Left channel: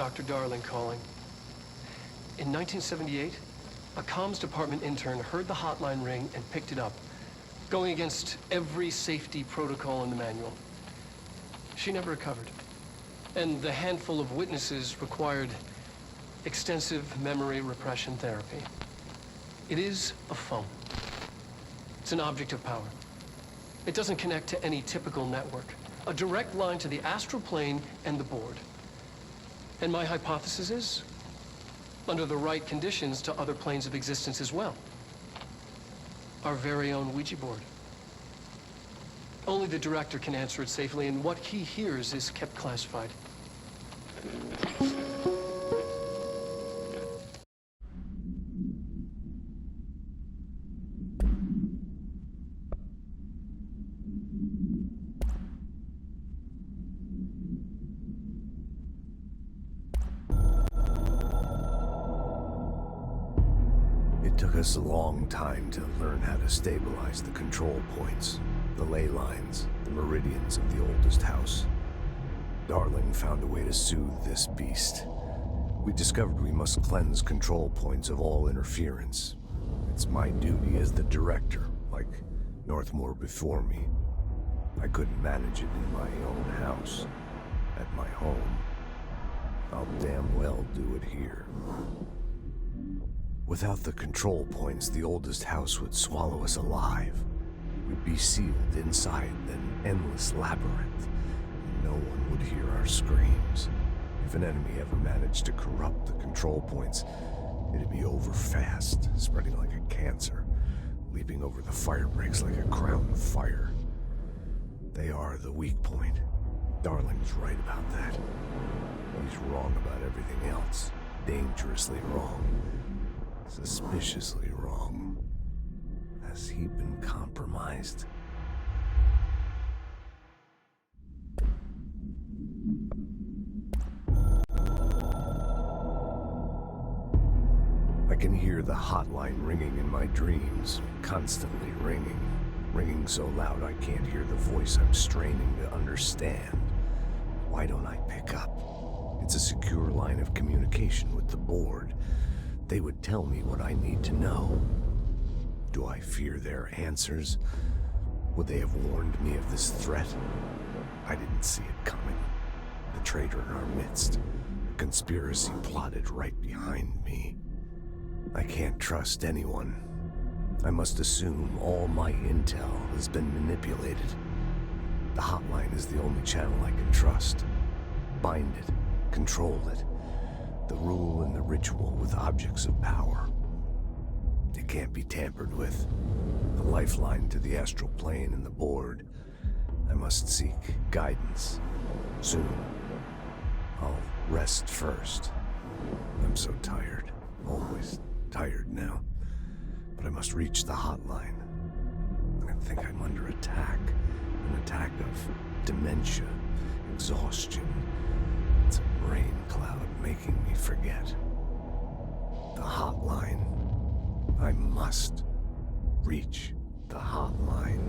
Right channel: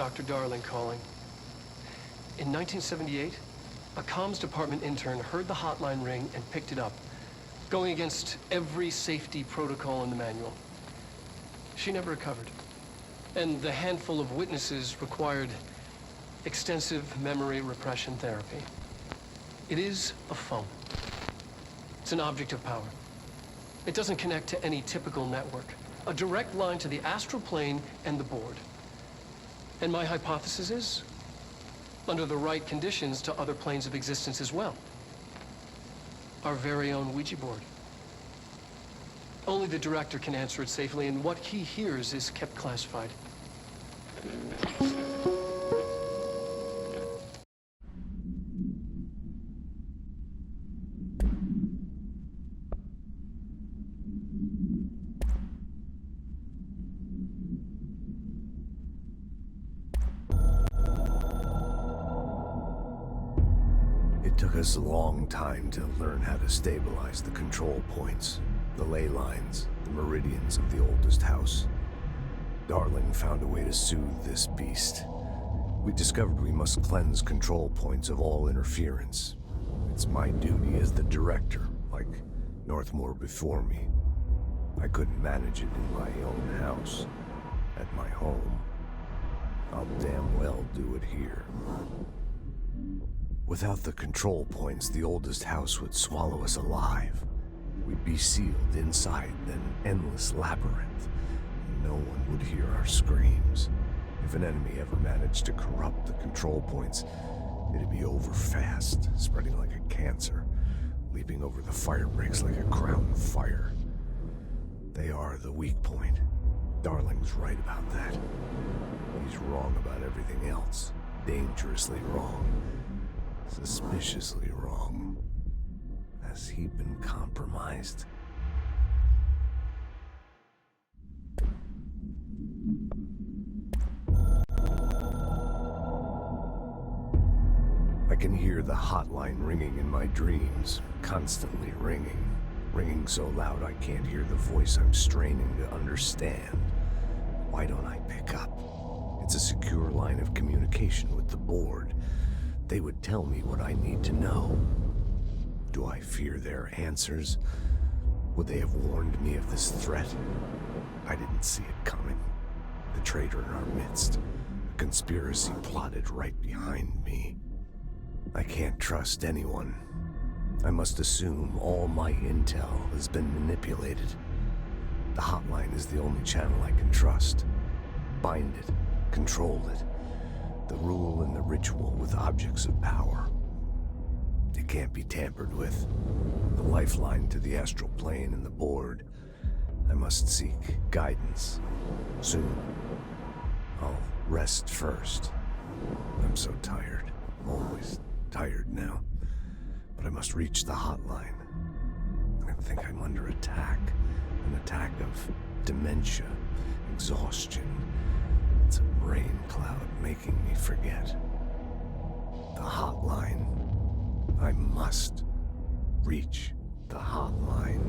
Dr. Darling calling. In 1978, a comms department intern heard the hotline ring and picked it up, going against every safety protocol in the manual. She never recovered, and the handful of witnesses required extensive memory repression therapy. It is a phone. It's an object of power. It doesn't connect to any typical network. A direct line to the astral plane and the board. And my hypothesis is, under the right conditions, to other planes of existence as well. Our very own Ouija board. Only the director can answer it safely, and what he hears is kept classified. It took us a long time to learn how to stabilize the control points, the ley lines, the meridians of the oldest house. Darling found a way to soothe this beast. We discovered we must cleanse control points of all interference. It's my duty as the director, like Northmore before me. I couldn't manage it in my own house, at my home. I'll damn well do it here. Without the control points, the oldest house would swallow us alive. We'd be sealed inside an endless labyrinth. No one would hear our screams. If an enemy ever managed to corrupt the control points, it'd be over fast, spreading like a cancer, leaping over the fire breaks like a crown fire. They are the weak point. Darling's right about that. He's wrong about everything else. Dangerously wrong. Suspiciously wrong. Has he been compromised? I can hear the hotline ringing in my dreams, constantly ringing. Ringing so loud I can't hear the voice I'm straining to understand. Why don't I pick up? It's a secure line of communication with the board. They would tell me what I need to know. Do I fear their answers? Would they have warned me of this threat? I didn't see it coming. The traitor in our midst. A conspiracy plotted right behind me. I can't trust anyone. I must assume all my intel has been manipulated. The hotline is the only channel I can trust. Bind it, control it. The rule and the ritual with objects of power. It can't be tampered with. The lifeline to the astral plane and the board. I must seek guidance. Soon. I'll rest first. I'm so tired. Always tired now. But I must reach the hotline. I think I'm under attack. An attack of dementia, exhaustion. It's a rain cloud making me forget. The hotline. I must reach the hotline.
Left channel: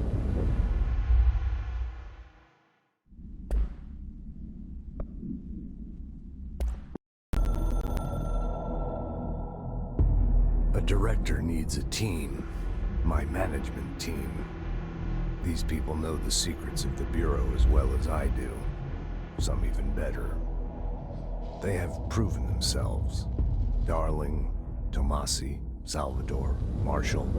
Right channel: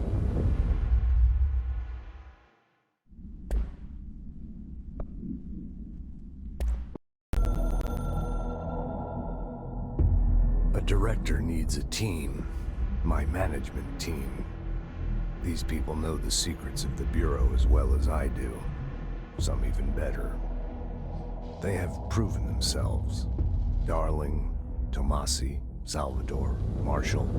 A director needs a team. My management team. These people know the secrets of the Bureau as well as I do. Some even better. They have proven themselves. Darling, Tomasi, Salvador, Marshall.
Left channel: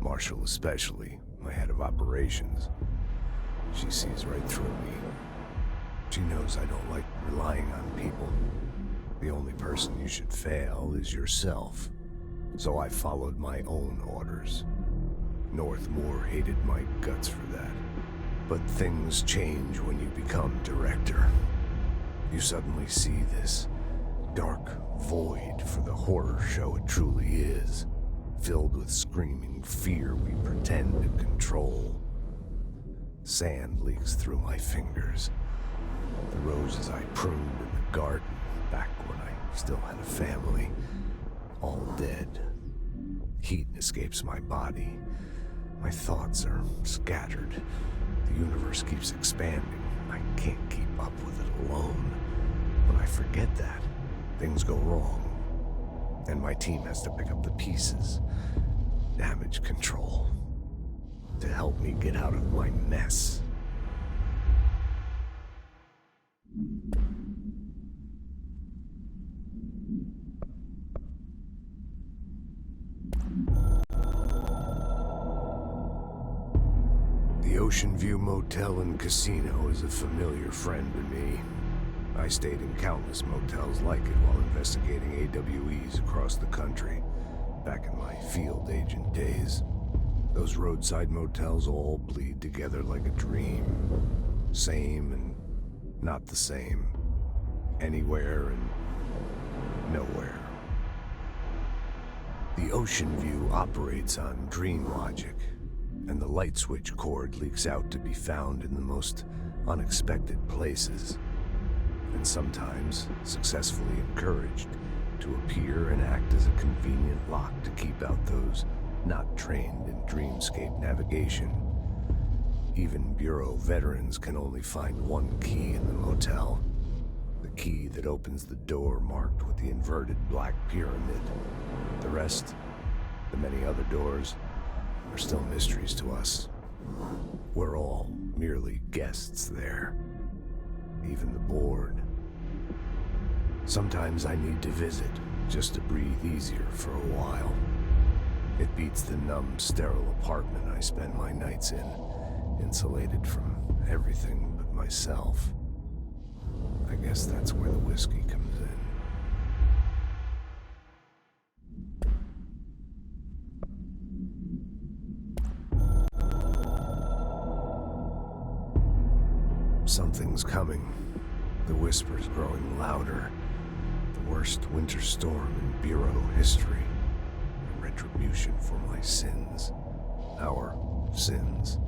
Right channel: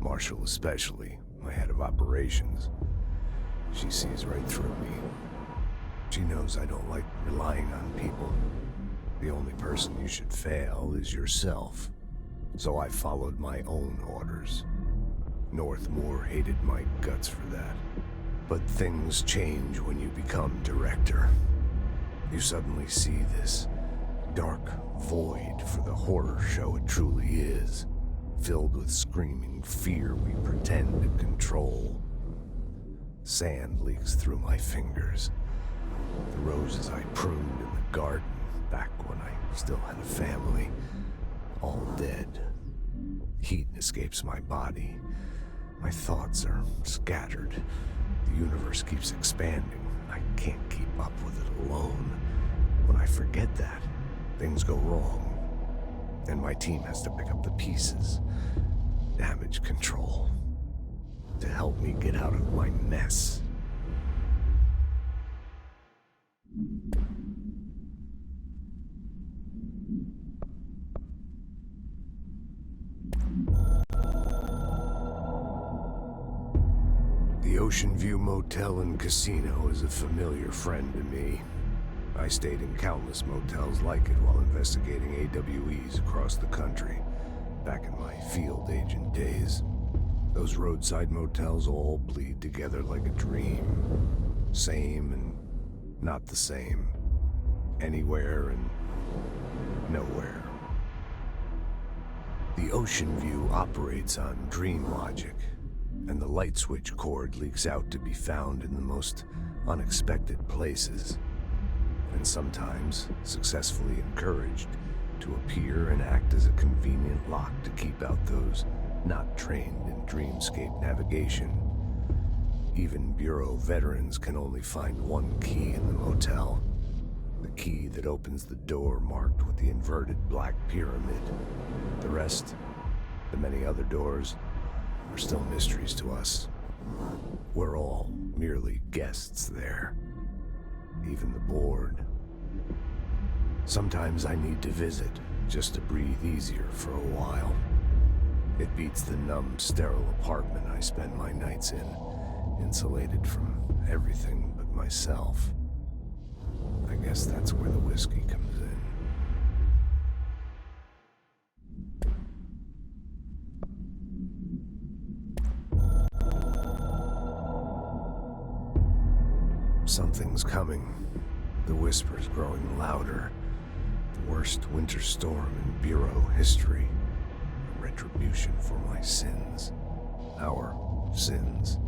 Marshall especially, my head of operations. She sees right through me. She knows I don't like relying on people. The only person you should fail is yourself. So I followed my own orders. Northmore hated my guts for that. But things change when you become director. You suddenly see this dark void for the horror show it truly is, filled with screaming fear we pretend to control. Sand leaks through my fingers. The roses I pruned in the garden back when I still had a family, all dead. Heat escapes my body. My thoughts are scattered. The universe keeps expanding. I can't keep up with it alone. When I forget that, things go wrong. And my team has to pick up the pieces. Damage control. To help me get out of my mess. The Ocean View Motel and Casino is a familiar friend to me. I stayed in countless motels like it while investigating AWEs across the country, back in my field agent days. Those roadside motels all bleed together like a dream. Same and not the same. Anywhere and nowhere. The Ocean View operates on dream logic, and the light switch cord leaks out to be found in the most unexpected places, and sometimes successfully encouraged to appear and act as a convenient lock to keep out those not trained in dreamscape navigation. Even Bureau veterans can only find one key in the motel. The key that opens the door marked with the inverted black pyramid. The rest, the many other doors, are still mysteries to us. We're all merely guests there. Even the board. Sometimes I need to visit, just to breathe easier for a while. It beats the numb, sterile apartment I spend my nights in, insulated from everything but myself. I guess that's where the whiskey comes in. Something's coming. The whispers growing louder. The worst winter storm in Bureau history. A retribution for my sins. Our sins.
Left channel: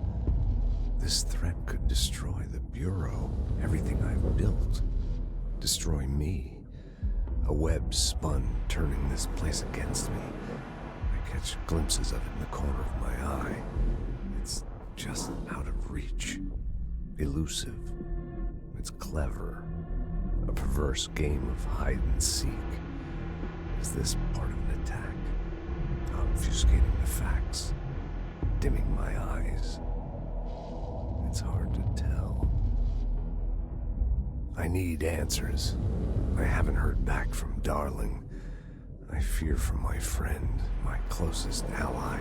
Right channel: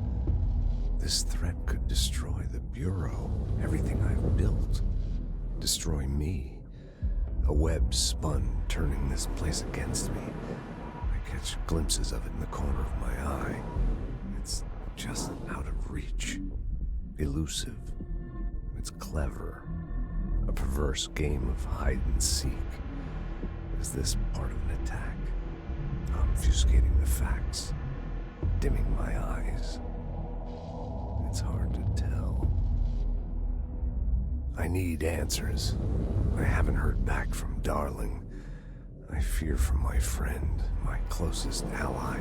This threat could destroy the Bureau, everything I've built. Destroy me. A web spun, turning this place against me. I catch glimpses of it in the corner of my eye. It's just out of reach. Elusive. It's clever. A perverse game of hide and seek. Is this part of an attack? Obfuscating the facts. Dimming my eyes. It's hard to tell. I need answers. I haven't heard back from Darling. I fear for my friend, my closest ally.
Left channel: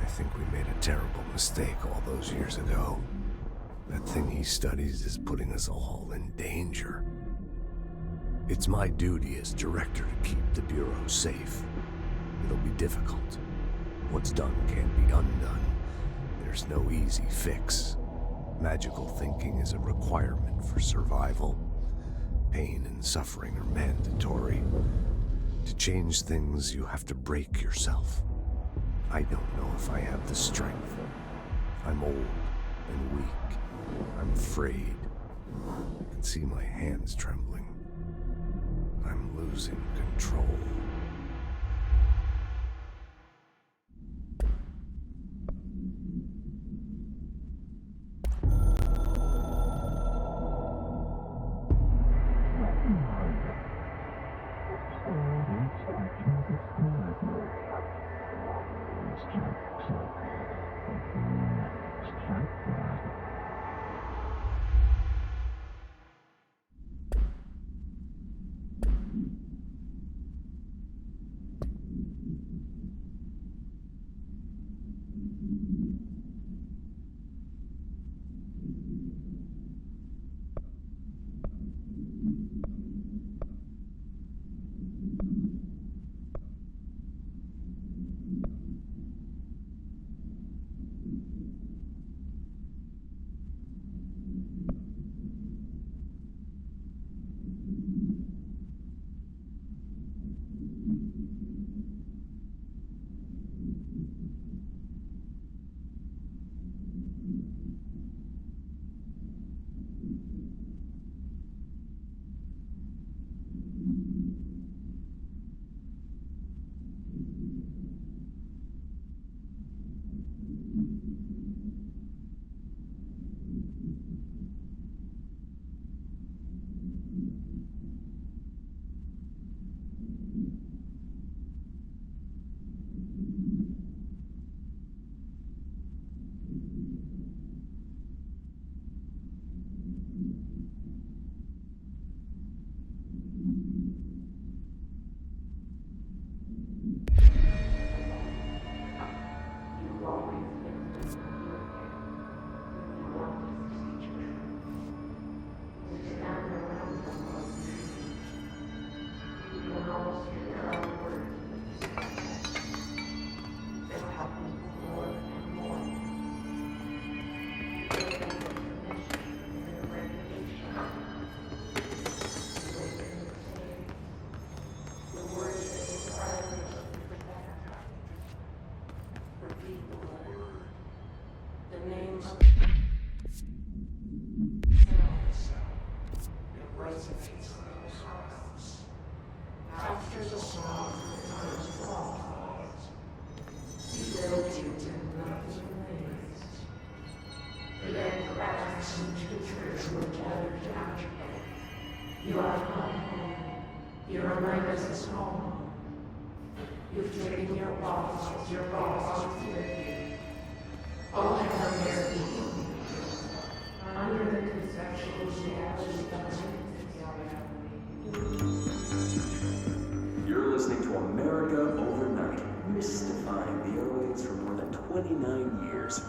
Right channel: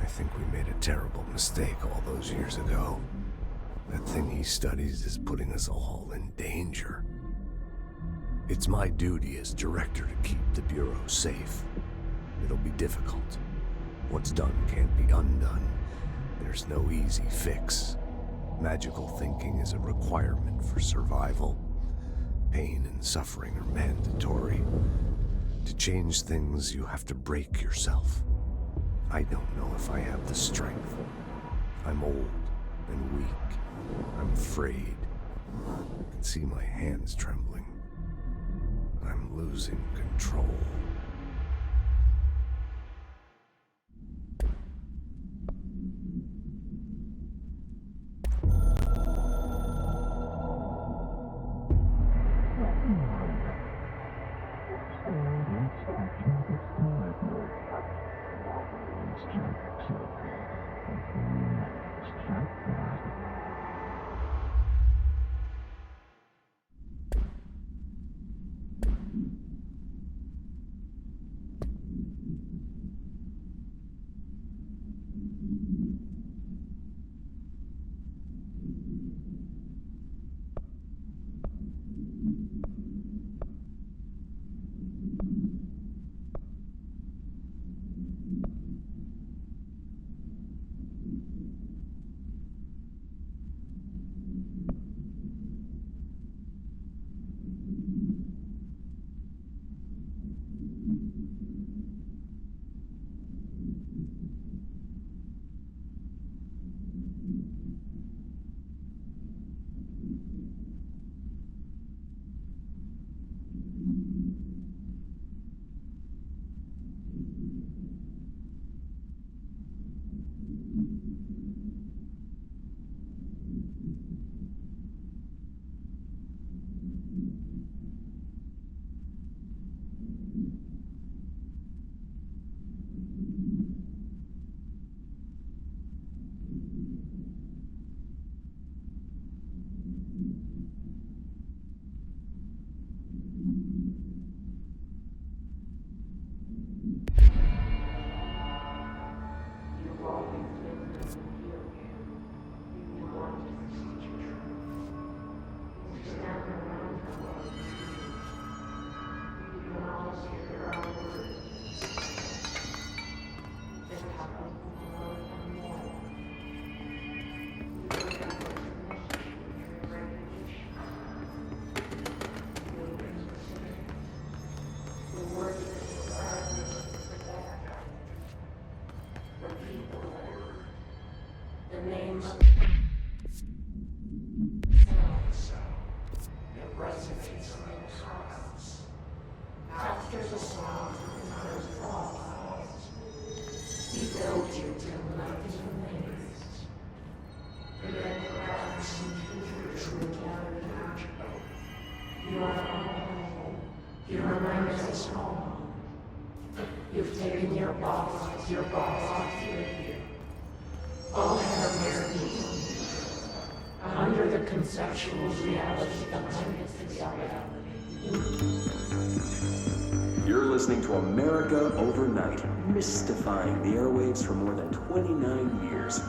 I think we made a terrible mistake all those years ago. That thing he studies is putting us all in danger. It's my duty as director to keep the Bureau safe. It'll be difficult. What's done can't be undone. There's no easy fix. Magical thinking is a requirement for survival. Pain and suffering are mandatory. To change things, you have to break yourself. I don't know if I have the strength. I'm old and weak. I'm afraid. I can see my hands trembling. I'm losing control. You're listening to America Overnight, mystifying the airwaves for more than 29 years.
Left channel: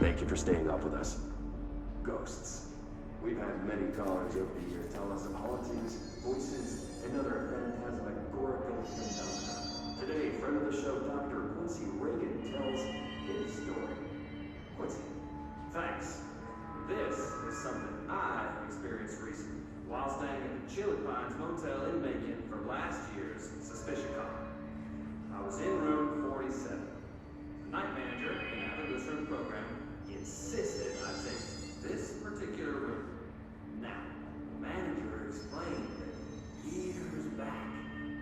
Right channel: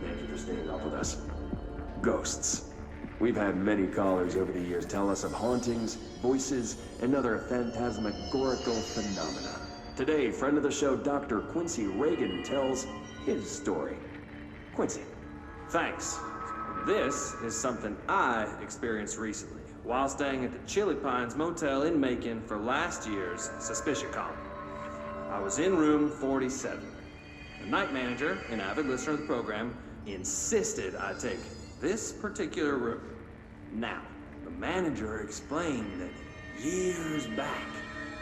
Thank you for staying up with us. Ghosts. We've had many callers over the years tell us of hauntings, voices, and other phantasmagorical phenomena. Today, friend of the show, Dr. Quincy Reagan, tells his story. Quincy, thanks. This is something I experienced recently while staying at the Chili Pines Motel in Macon for last year's SuspiciaCon. I was in room 47. The night manager, an avid listener of the program, insisted I take this particular room. Now, the manager explained that years back,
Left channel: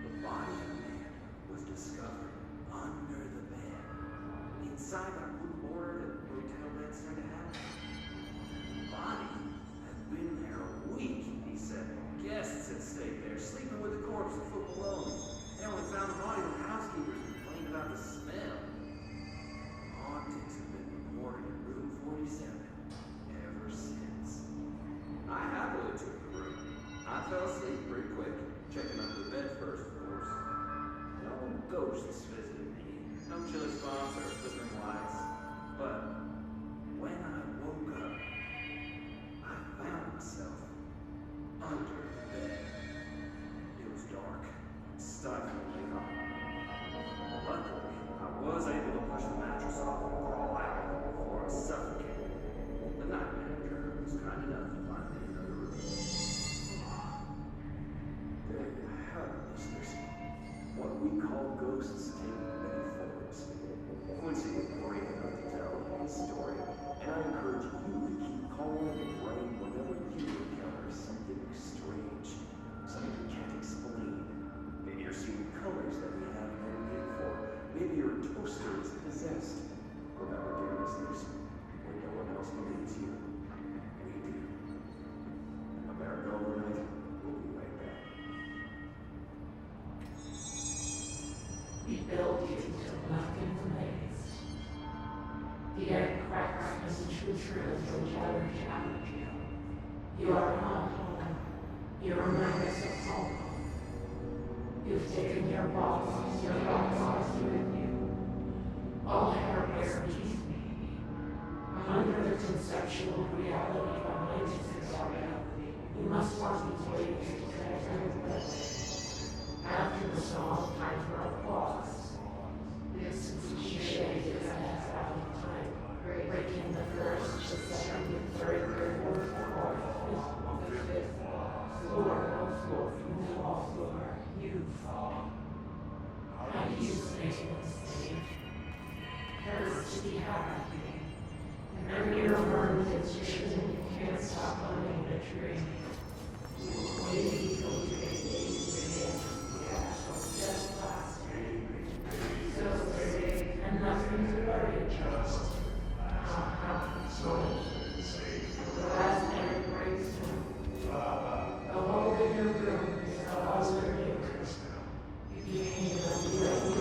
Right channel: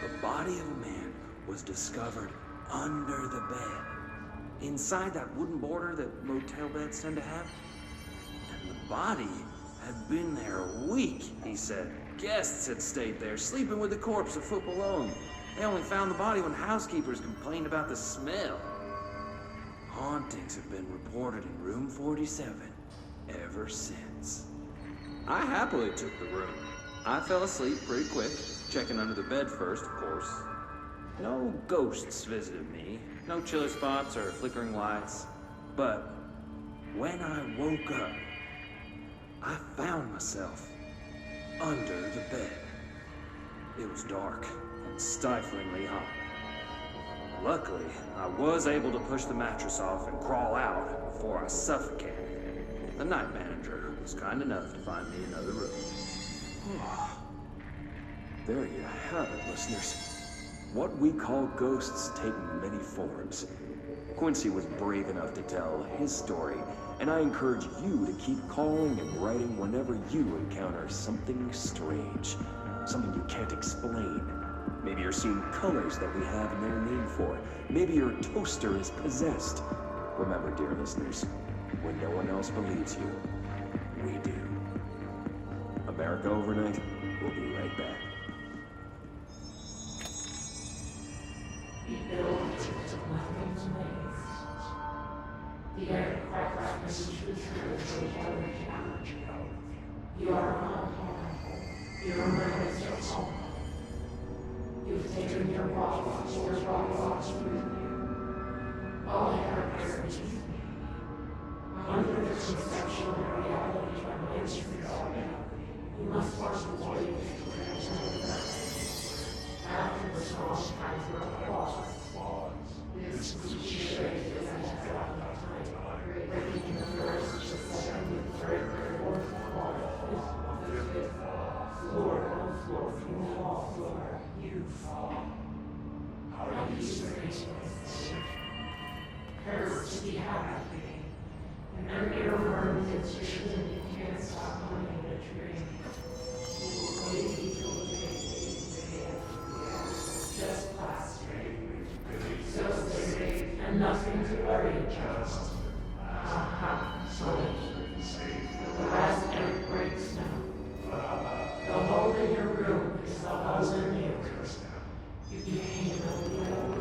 the body of a man was discovered under the bed, inside that wooden border that motel beds tend to have. And the body had been there a week, he said. Guests had stayed there, sleeping with the corpse a foot below them. They only found the body when housekeepers complained about the smell. Hauntings have been reported in room 47 ever since. I happily took the room. I fell asleep pretty quick, checking under the bed first, of course. No ghosts visited me, no chilly spots or flickering lights. But when I woke up, I found myself under the bed. It was dark and stiflingly hot. Luckily, I was able to push the mattress off and crawl out before I suffocated. The night manager was kind enough to find me another room. There you have it, listeners. What we call ghosts take many forms. Quincy was brave enough to tell his story, and I encourage you to keep calling and writing whenever you encounter something strange, something you can't explain. Maybe you're seeing colors that we have no name for. Maybe your toaster is possessed. Remember, dear listeners, when no one else believes you, we do. America Overnight, we'll be right back. We build to nothing's waste. The air cracks and truths together. You are home. You remind us of home. You've taken your walks with you. All hair bears me. Under the conceptual reality of intimacy, you must watch the waves to connect. After the song, time for applause. This cliche is as out of time, breaking the first, the second, the third, the fourth, the fifth, floor on floor, from the wall floor, you fall. How do you make mistake? Hurts to be happy. And your burns and vision, you can't stop hunting a tree. Just plastic. So big, and nothing to worry about. So the last night breaks now. The hole in your room is the hole in you. You became a real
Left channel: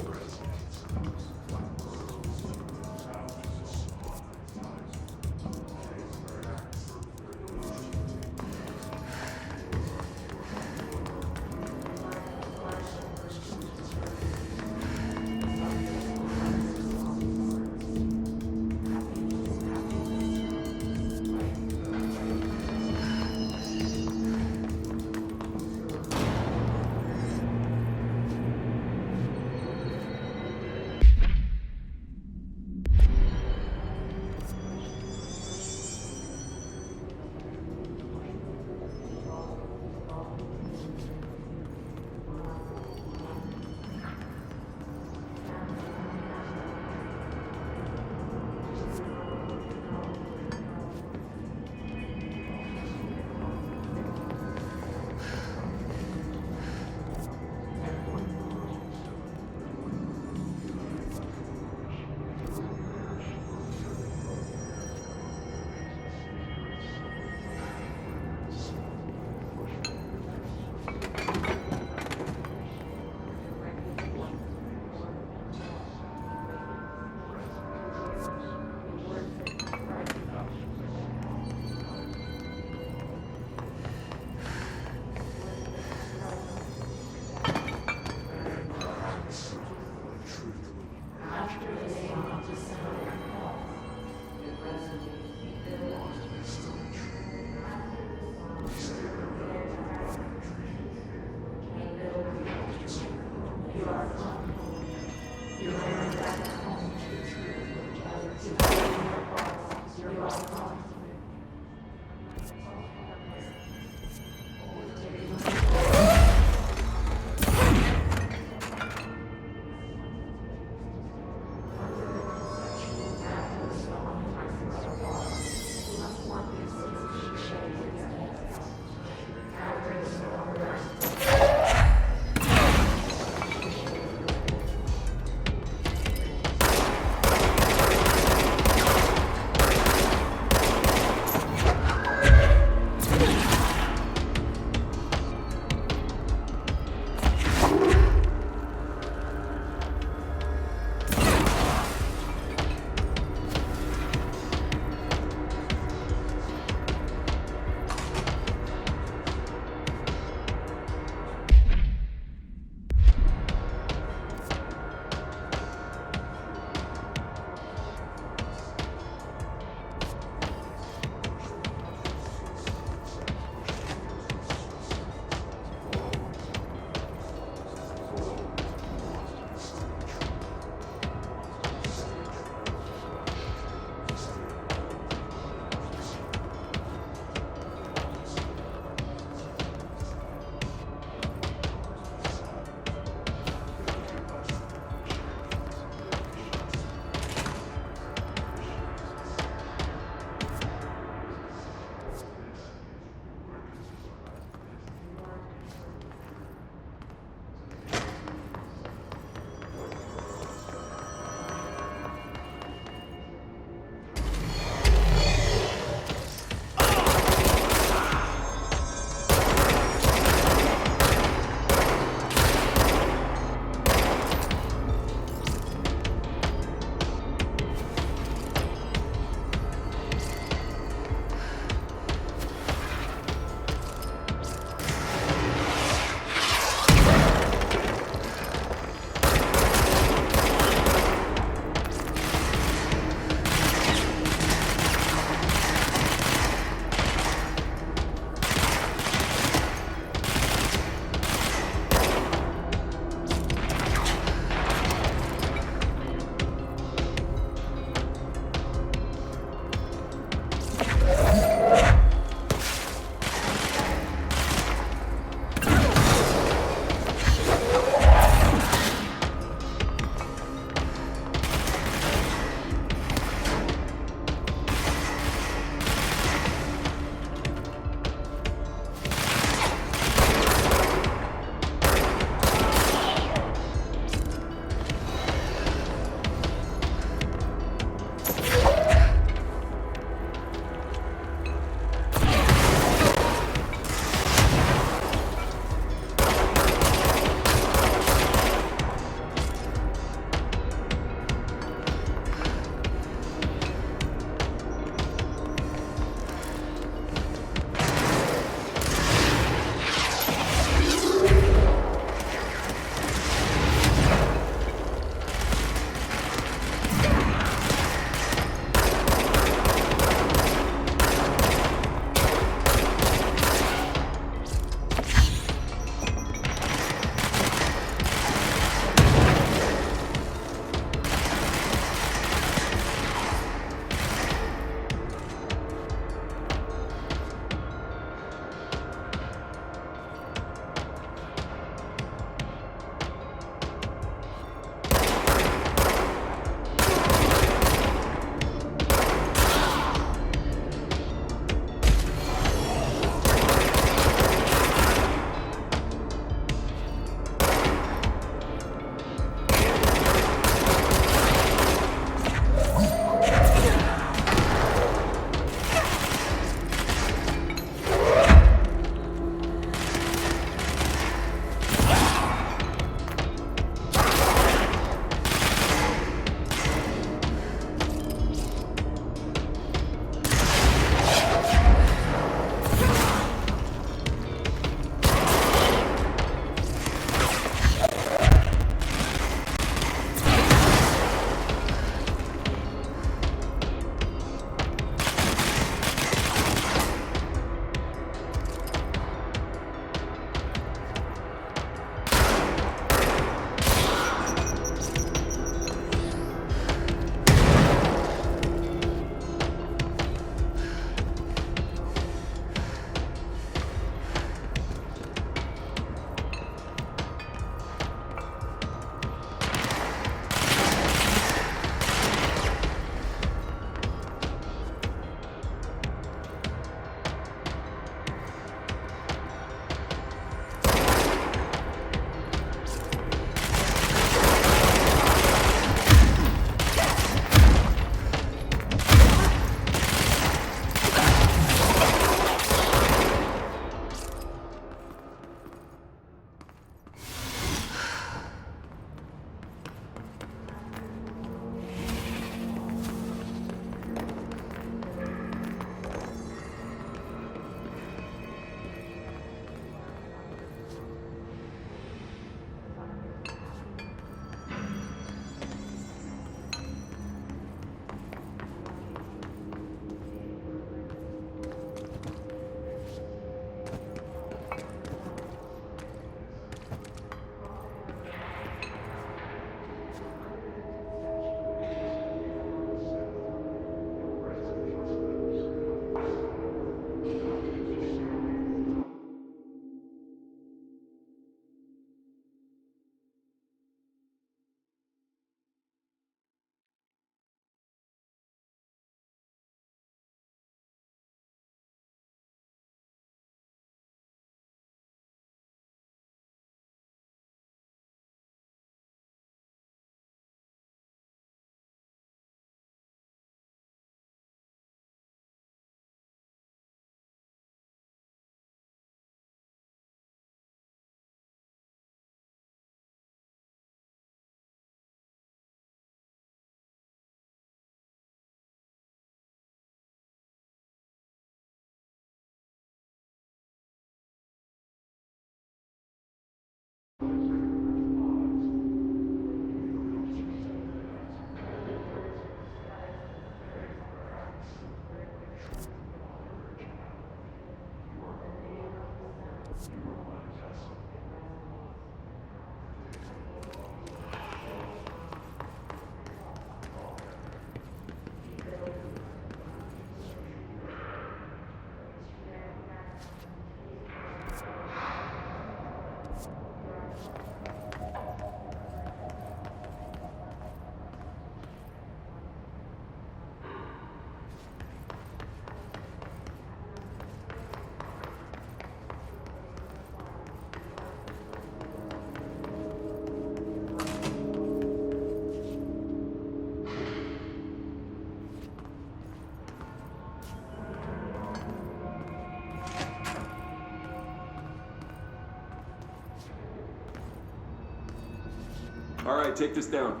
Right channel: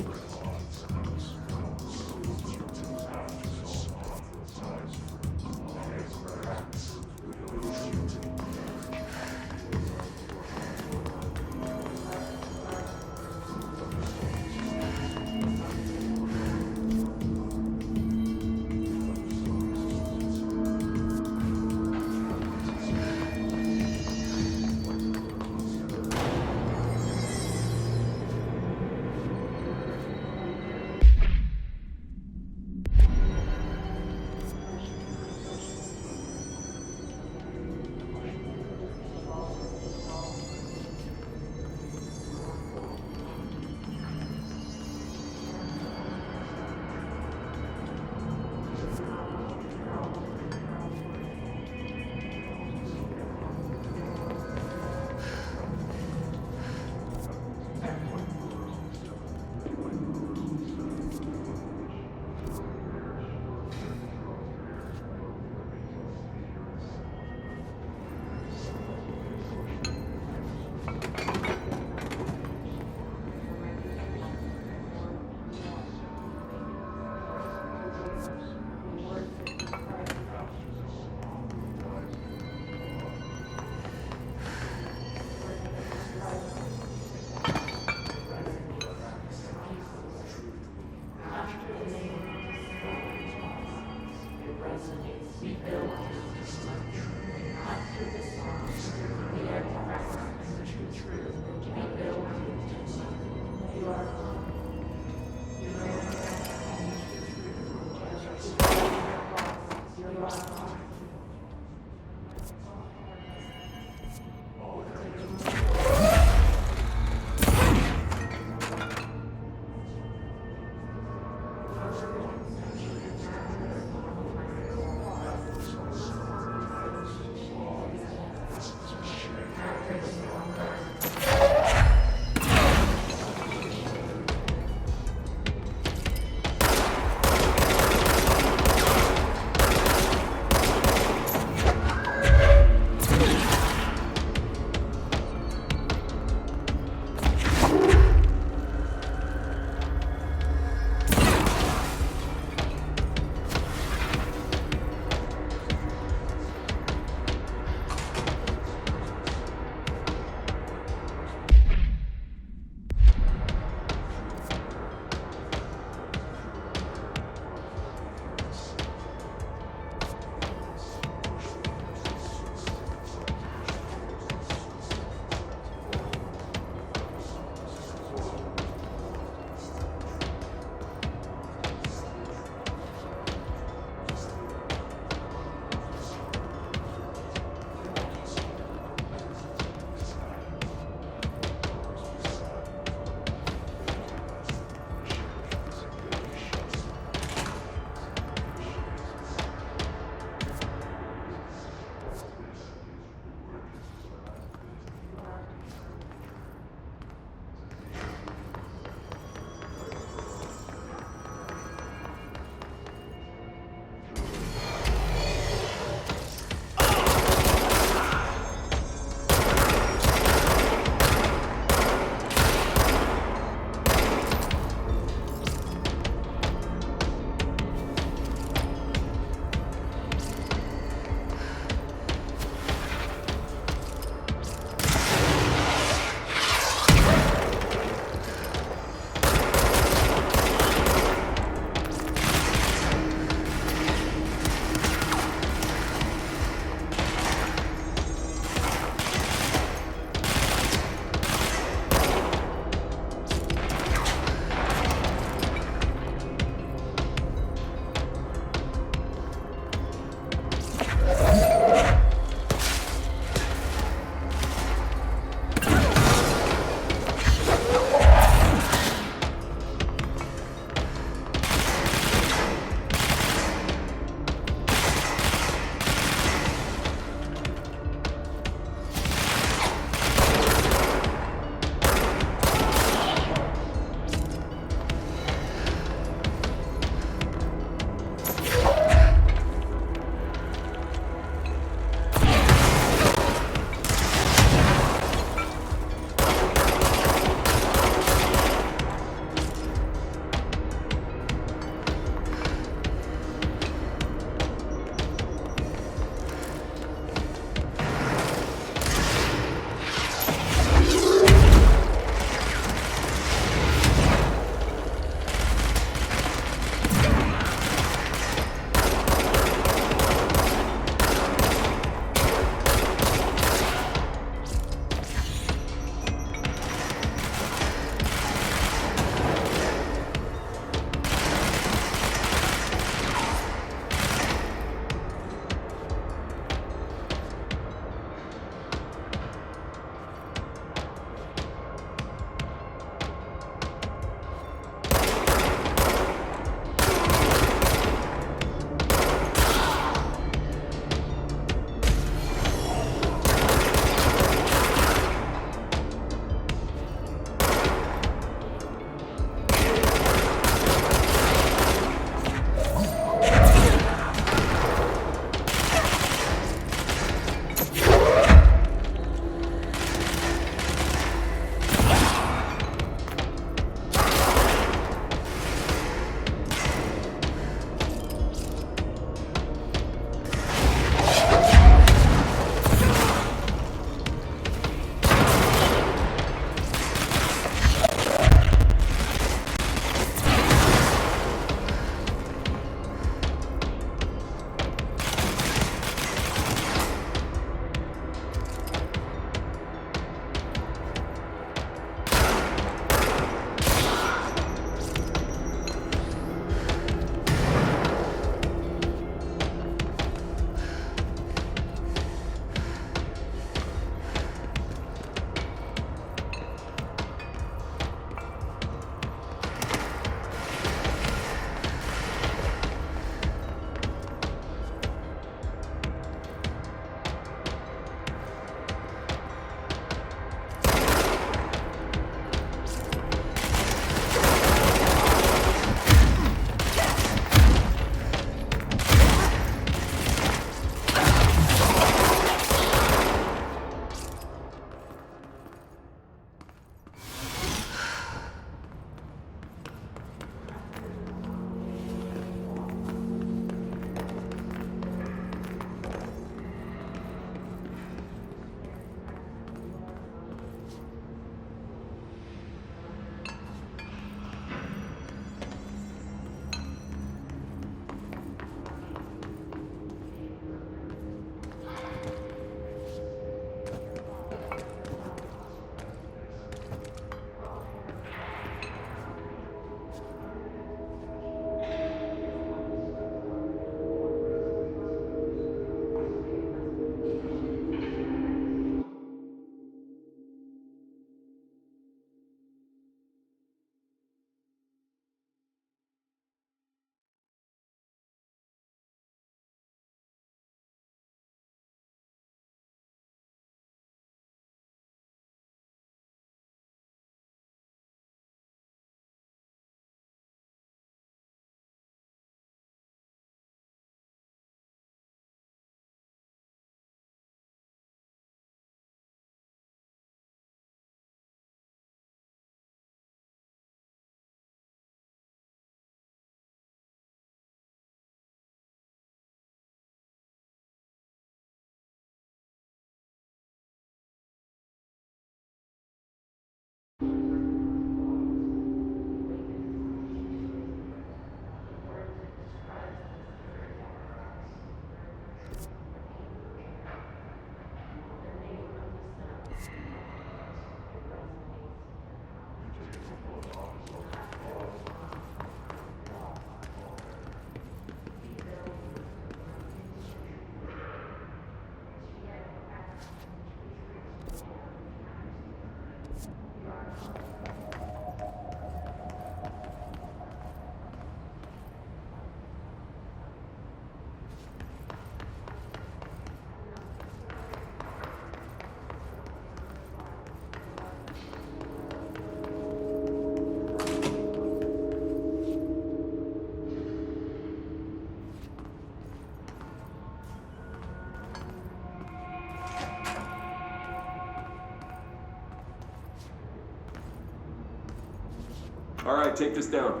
All right, take this down.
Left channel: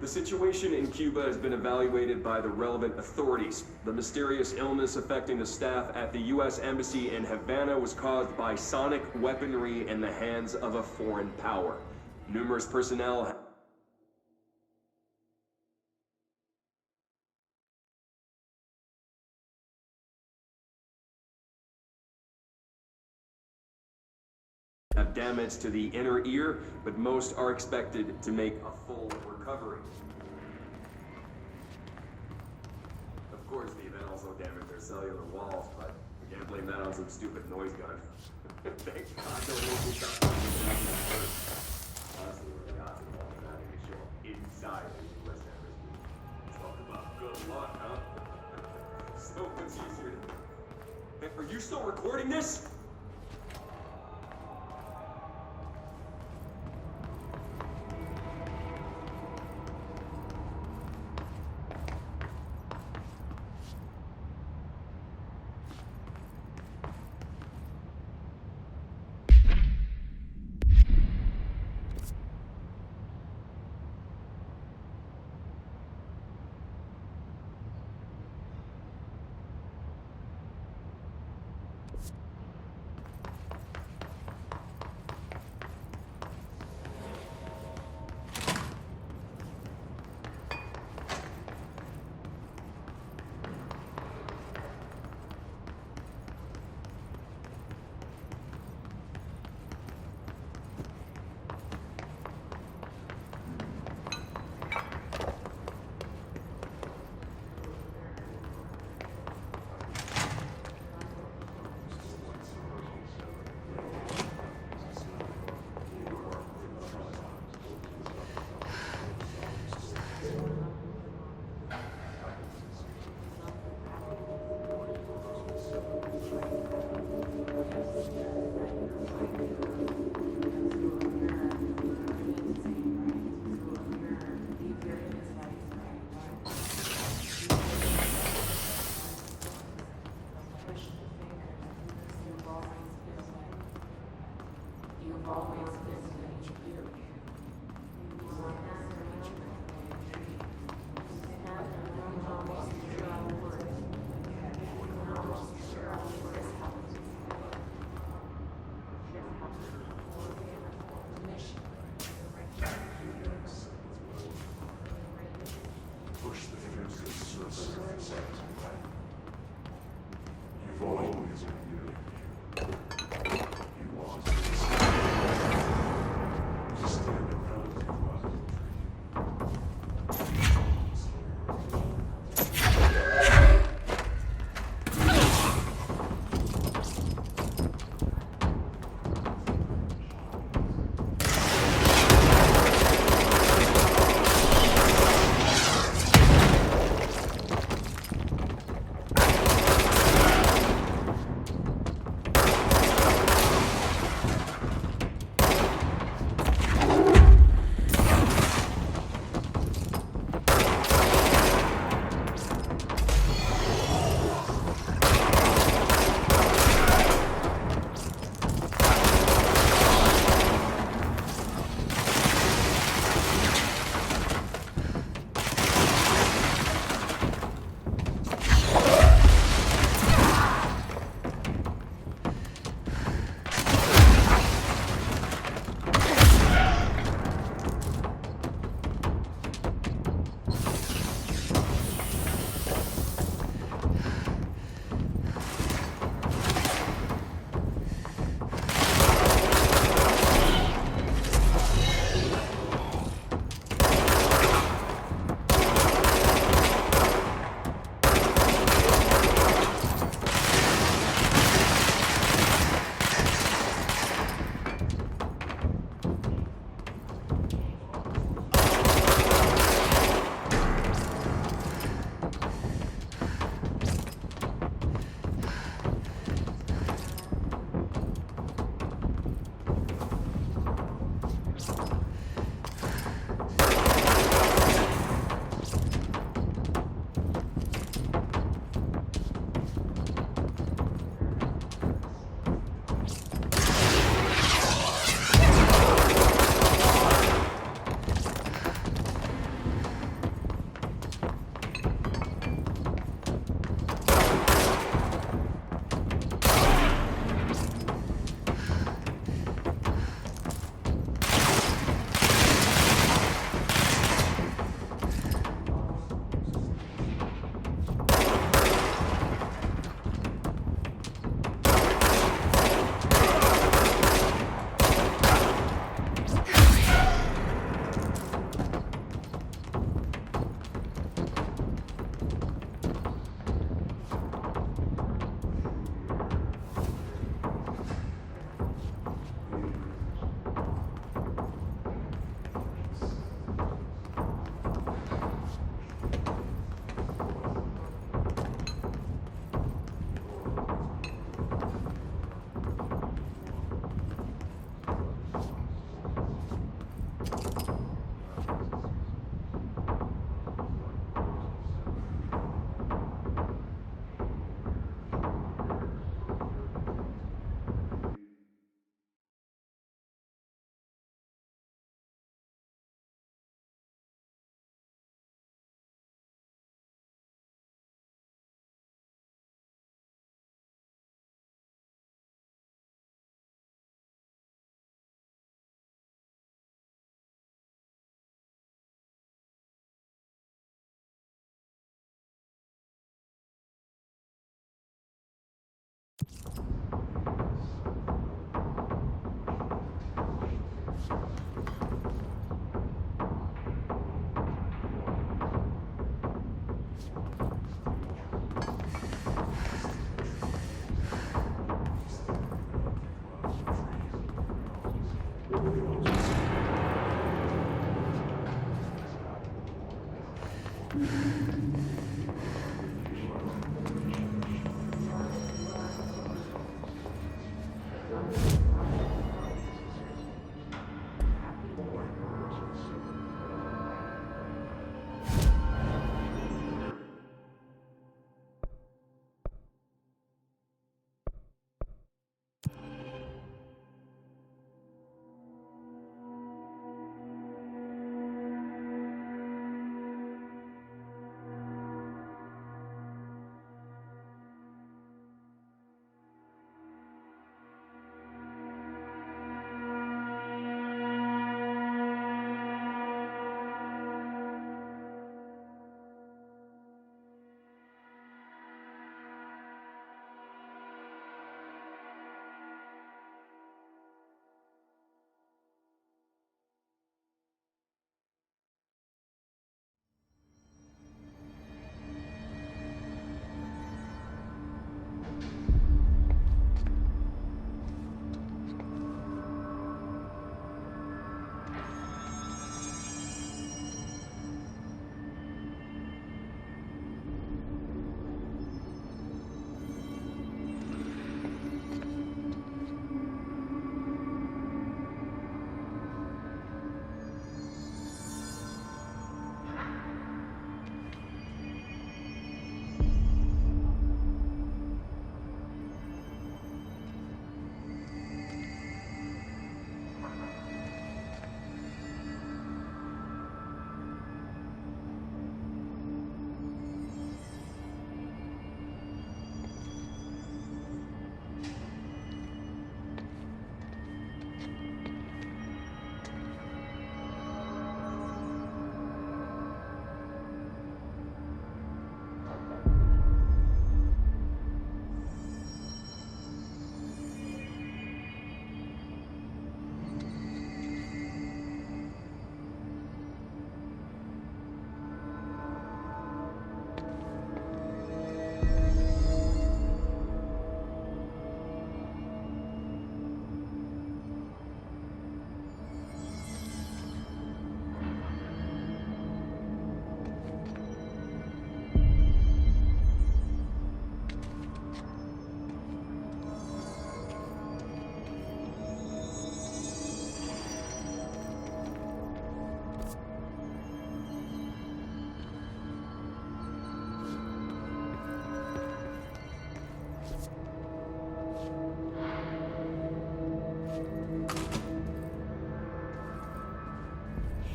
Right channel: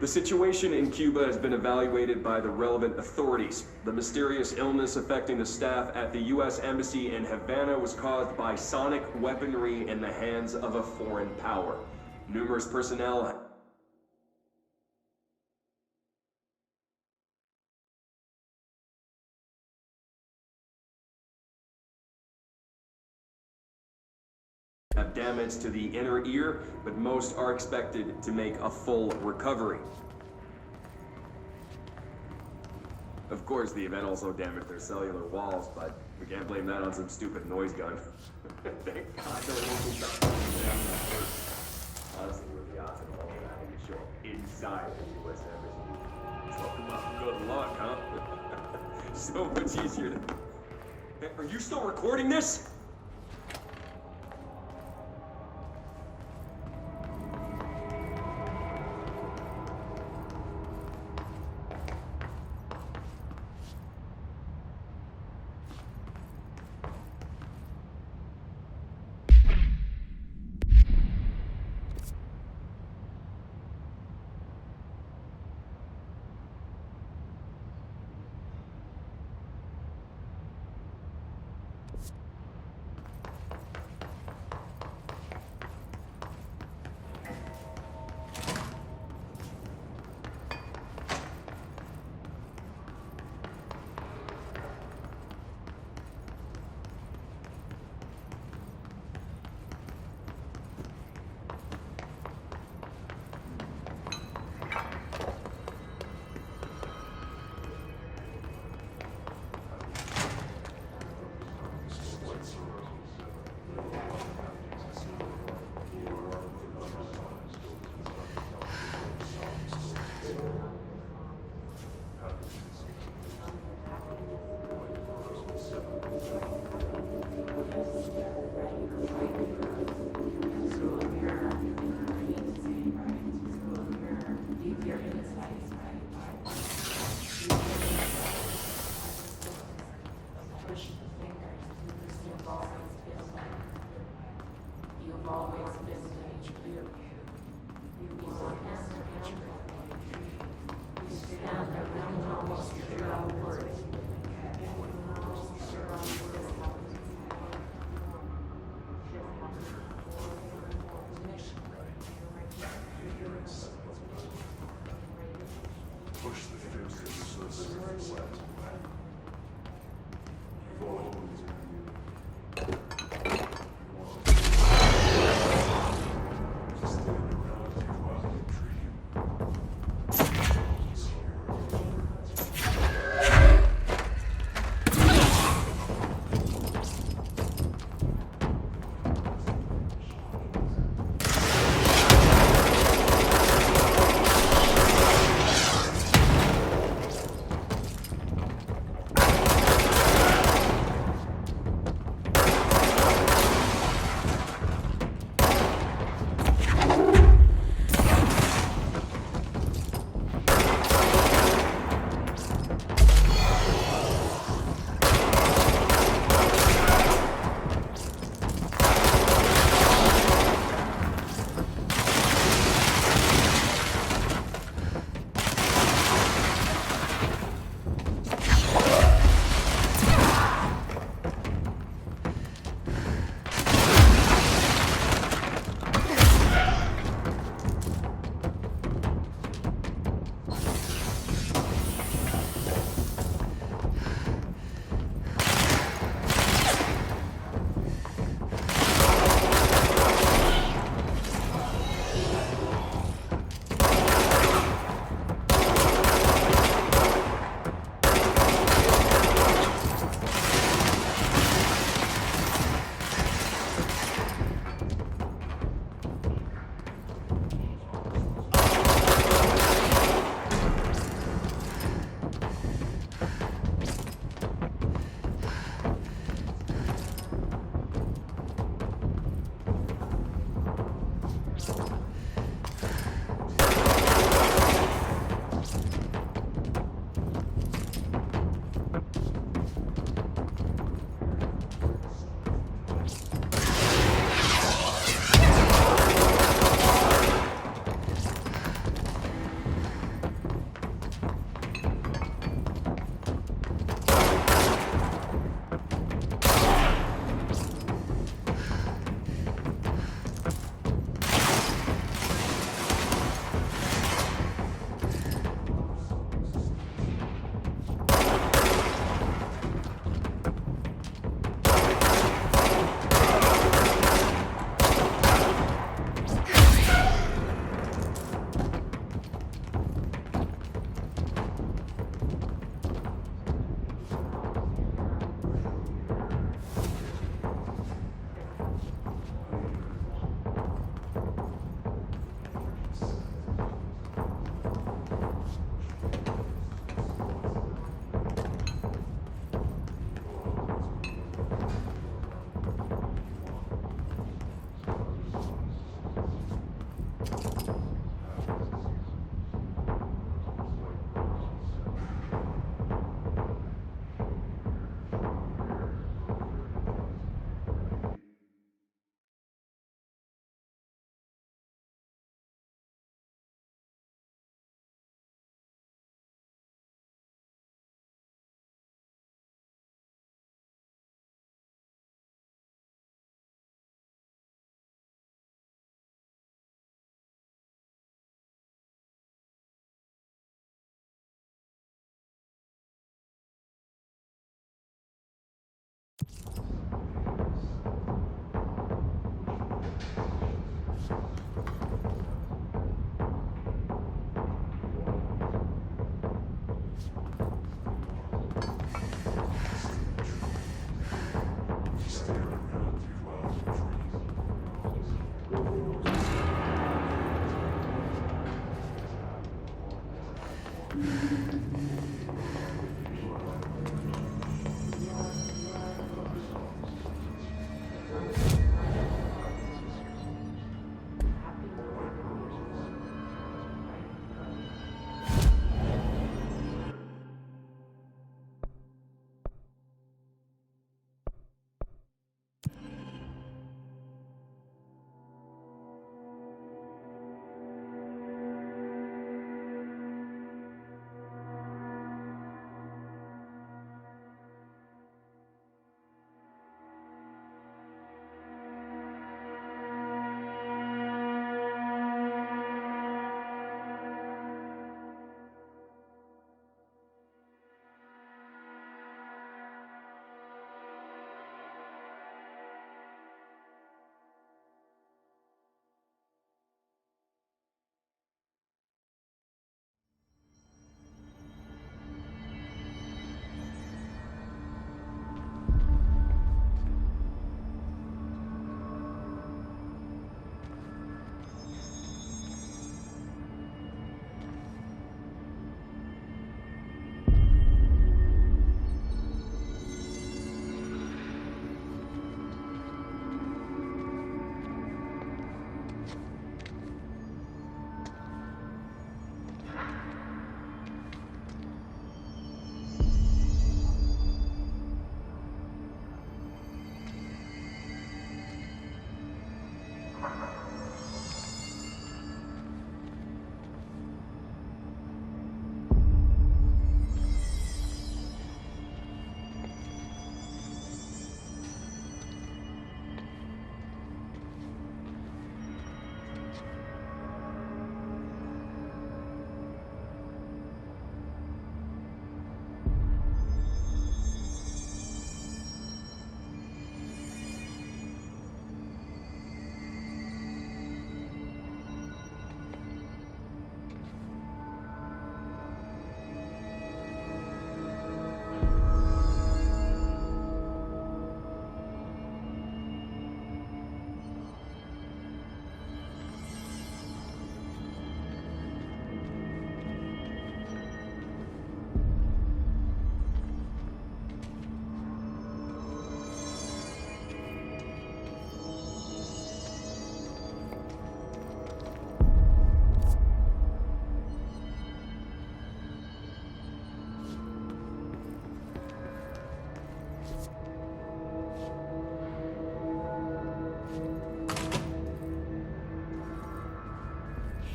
The situation in Cuba has been evaluated by the relevant authorities. The mysterious illness affecting the staff at the U.S. Embassy in Havana was caused by sonic weaponry in the hands of a foreign power. Numerous personnel have damage to the inner ear, but most are expected to make a full recovery. Of course, the event also damaged their cellular walls, but we can't blame that on some stupid noise gun. Thank God no local shot. Honestly, what are the odds of all of that to show up inside the U.S. Embassy? Talk about good luck, huh? So much easier to... Hey, are you still recording this?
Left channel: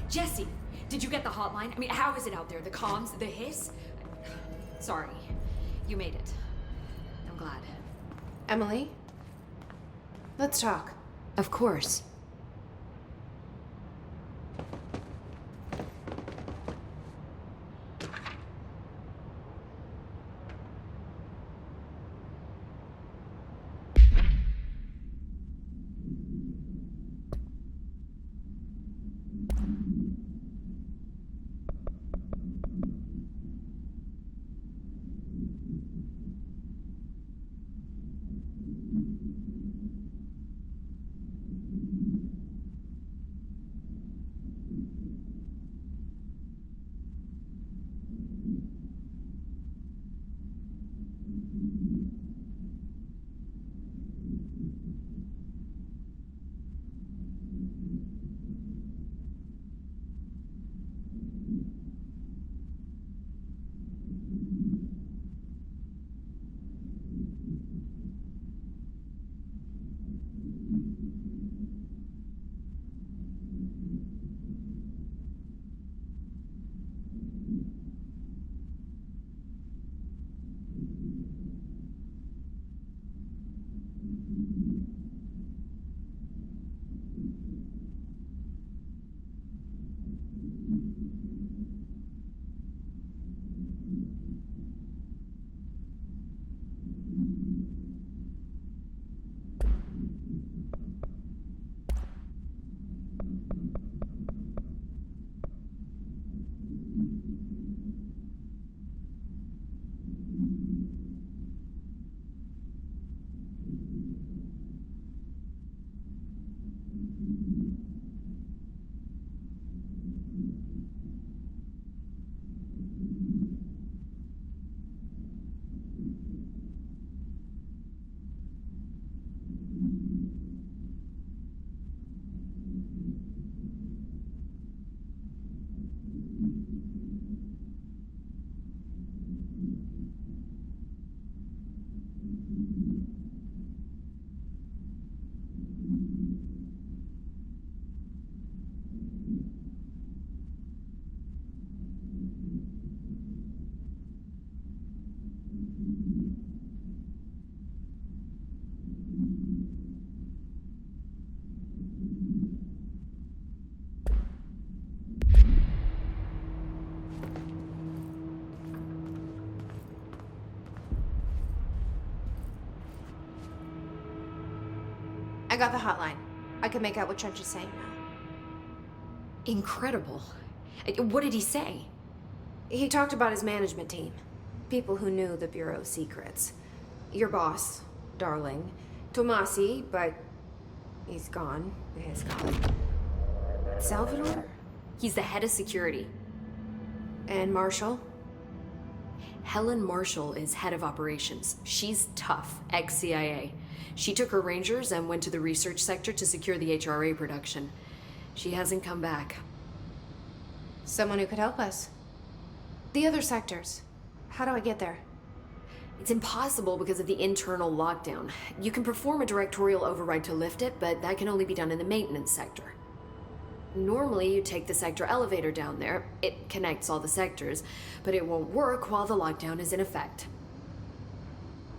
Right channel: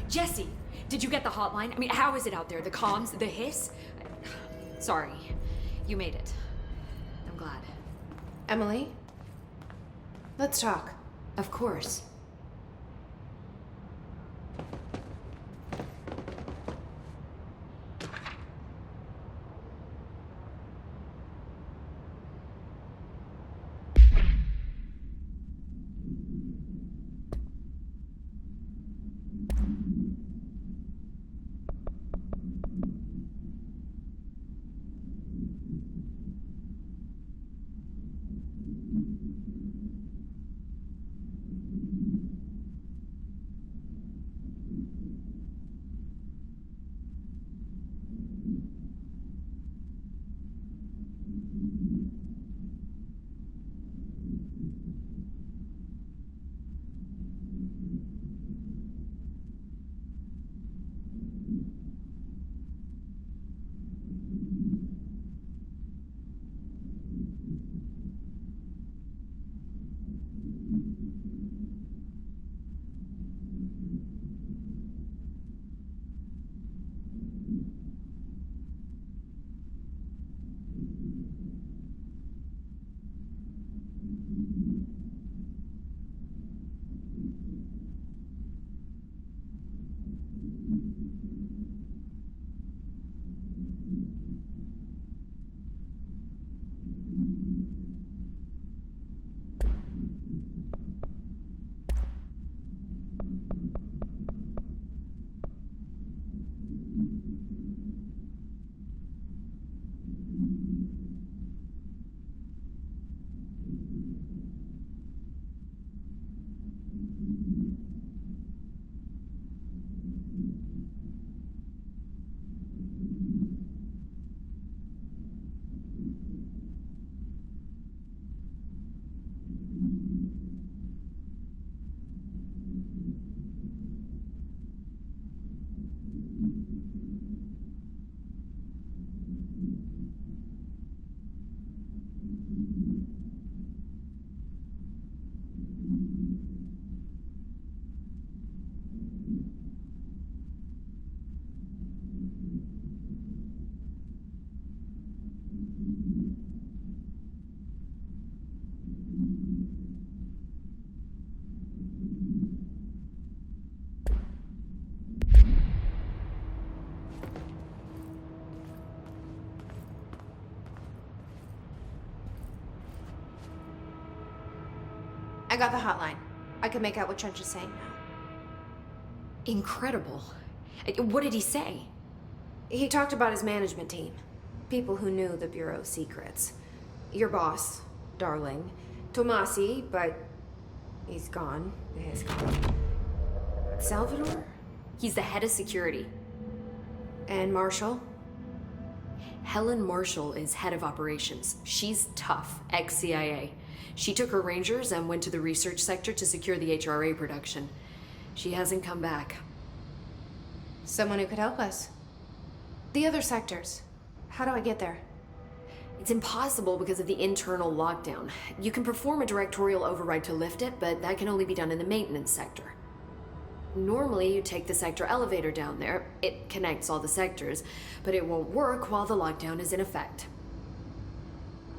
Jesse, did you get the hotline? I mean, how is it out there? The comms? The hiss? Sorry. You made it. I'm glad. Emily? Let's talk. Of course. got the hotline. I can make out what Trench is saying now. Incredible. What did he say? He talked about his management team. People who knew the Bureau's secrets. Your boss, Darling. Tomasi, but he's gone. He's gone. Salvador? He's the head of security. And Marshall? Helen Marshall is head of operations. She's tough, ex-CIA. She took her Rangers and went to the research sector to secure the HRA production. She hasn't come back. Someone who could help us. The other sectors. How do I get there? It's impossible because of the internal lockdown. You can perform a directorial override to lift it, but that can only be done in the maintenance sector. Normally, you take the sector elevator down there. It connects all the sectors, but it won't work while the lockdown is in effect.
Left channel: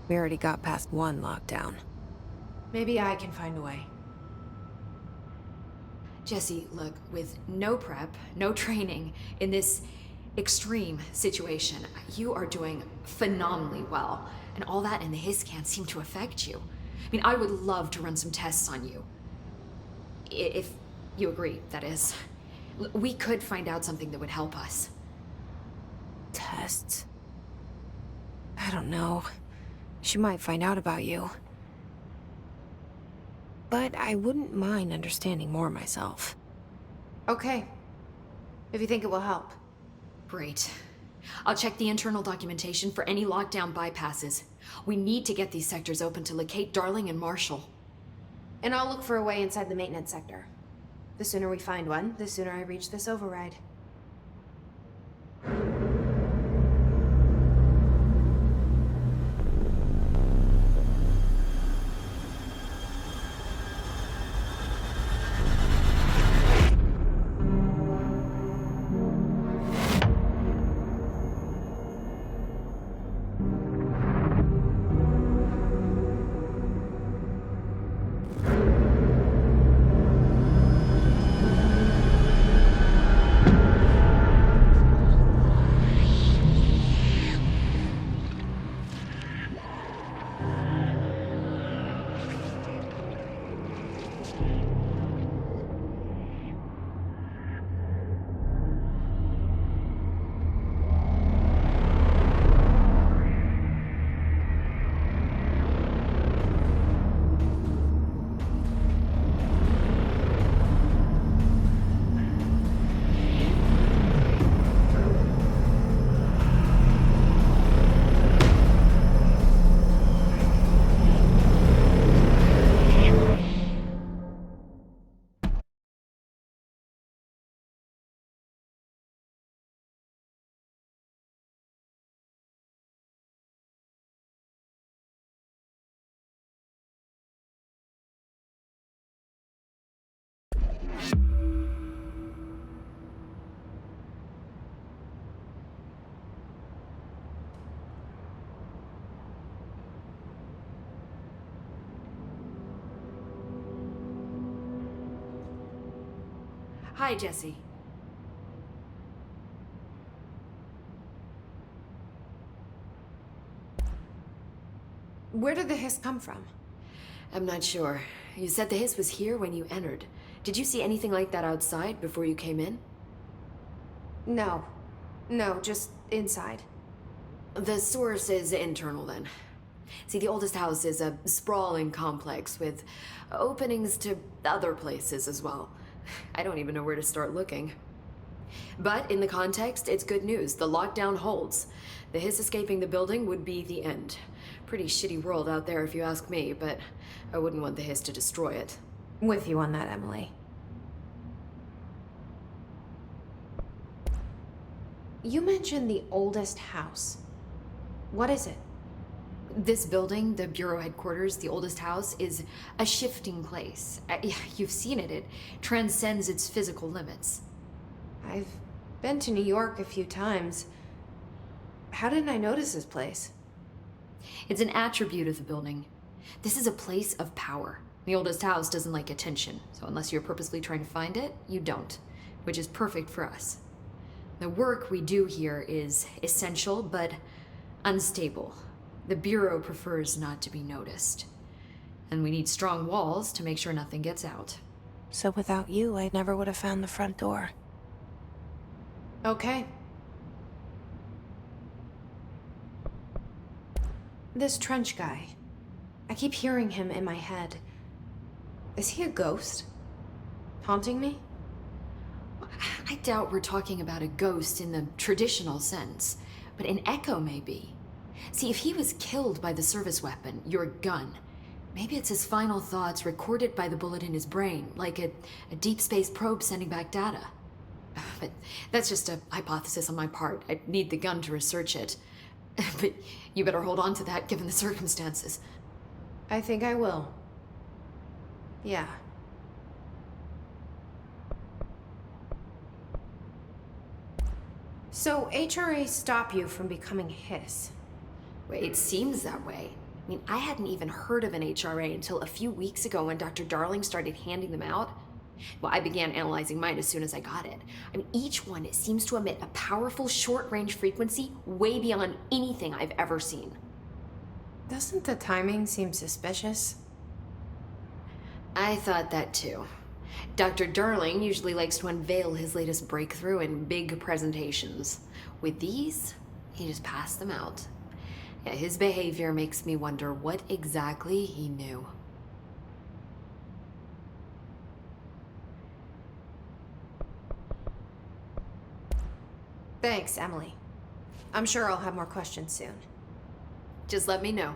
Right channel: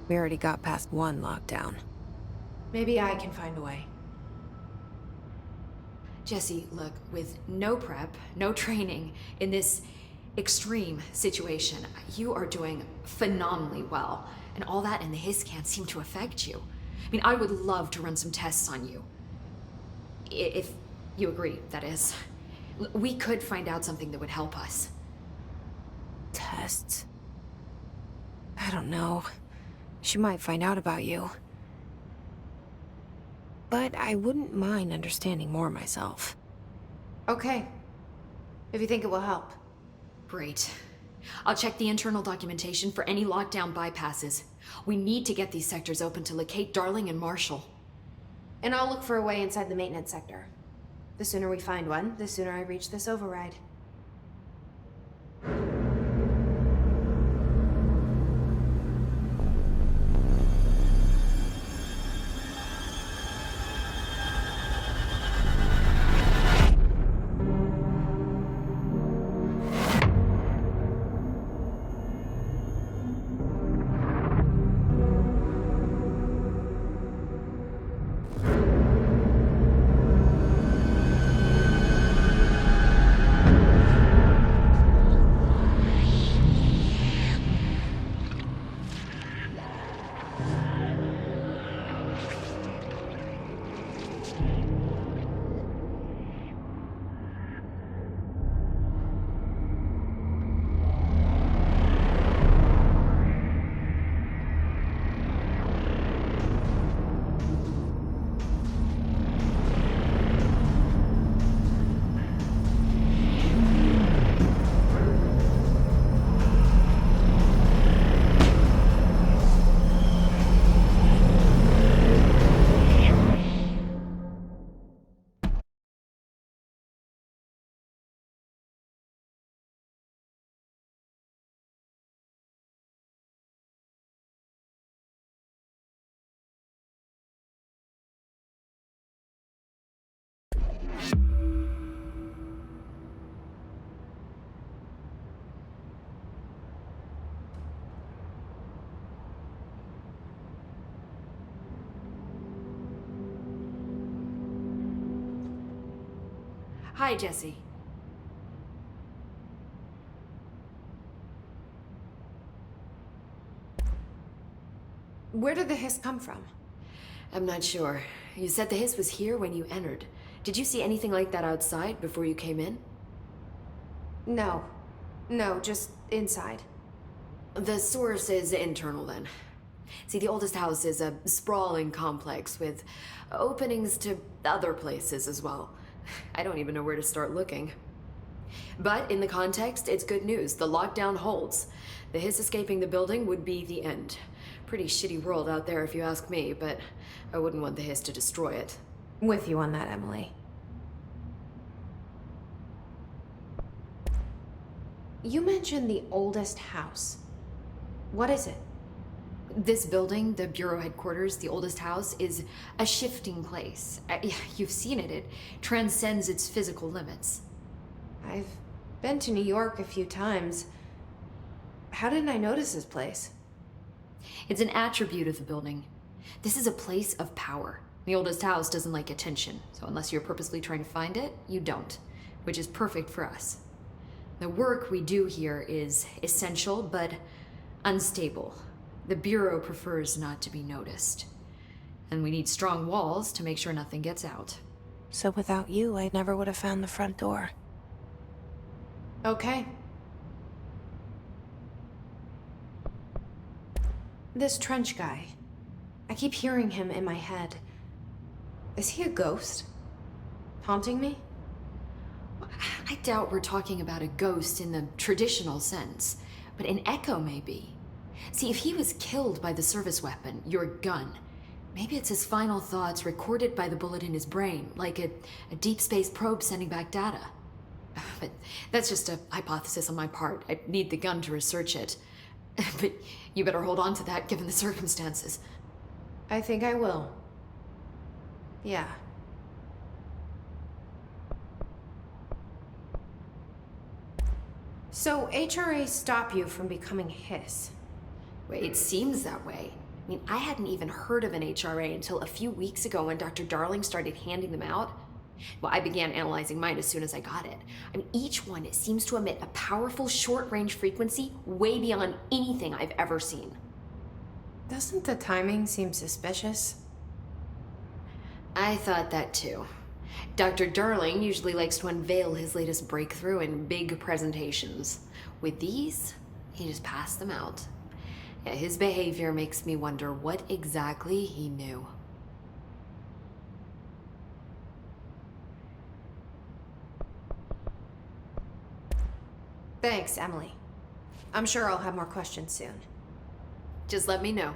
We already got past one lockdown. Maybe I can find a way. Jesse, look, with no prep, no training, in this extreme situation, you are doing phenomenally well. And all that and the hiss can't seem to affect you. I mean, I would love to run some tests on you. If you agree, that is. We could find out something that would help us. Tests? I don't know. She might find out about you. But I wouldn't mind understanding more myself. Okay. If you think it will help. Great. I'll check the internal documentation for any lockdown bypasses. We need to get these sectors open to locate Darling and Marshall. And I'll look for a way inside the maintenance sector. The sooner we find one, the sooner I reach this override. Hi, Jesse. Where did the hiss come from? I'm not sure. You said the hiss was here when you entered. Did you see anything like that outside before you came in? No. No, just inside. The source is internal, then. See, the oldest house is a sprawling complex with openings to other places as well. I don't even know where to start looking. But in the context, it's good news. The lockdown holds. The hiss escaping the building would be the end. Pretty shitty world out there if you ask me, but I wouldn't want the hiss to destroy it. With you on that, Emily. You mentioned the oldest house. What is it? This building, the Bureau headquarters, the oldest house, is a shifting place. You've seen it. It transcends its physical limits. I've been to New York a few times. How didn't I notice this place? It's an attribute of the building. This is a place of power. The oldest house doesn't like attention, so unless you're purposely trying to find it, you don't, which is perfect for us. The work we do here is essential, but unstable. The Bureau prefers not to be noticed. And we need strong walls to make sure nothing gets out. So without you, I never would have found the front door. Okay. This trench guy. I keep hearing him in my head. Is he a ghost? Haunting me? I doubt we're talking about a ghost in the traditional sense, but an echo maybe. See, if he was killed by the service weapon, your gun, maybe it's his final thoughts recorded by the bullet in his brain, like a deep space probe sending back data. But that's just a hypothesis on my part. I'd need the gun to research it. But you better hold on to that given the circumstances. I think I will. Yeah. So HRA stop you from becoming his? Well, it seems that way. I mean, I hadn't even heard of an HRA until a few weeks ago when Dr. Darling started handing them out. Well, I began analyzing mine as soon as I got it. I mean, each one seems to emit a powerful short-range frequency way beyond anything I've ever seen. Doesn't the timing seem suspicious? I thought that too. Dr. Darling usually likes to unveil his latest breakthrough in big presentations. With these, he just passed them out. Yeah, his behavior makes me wonder what exactly he knew. Thanks, Emily. I'm sure I'll have more questions soon. Just let me know.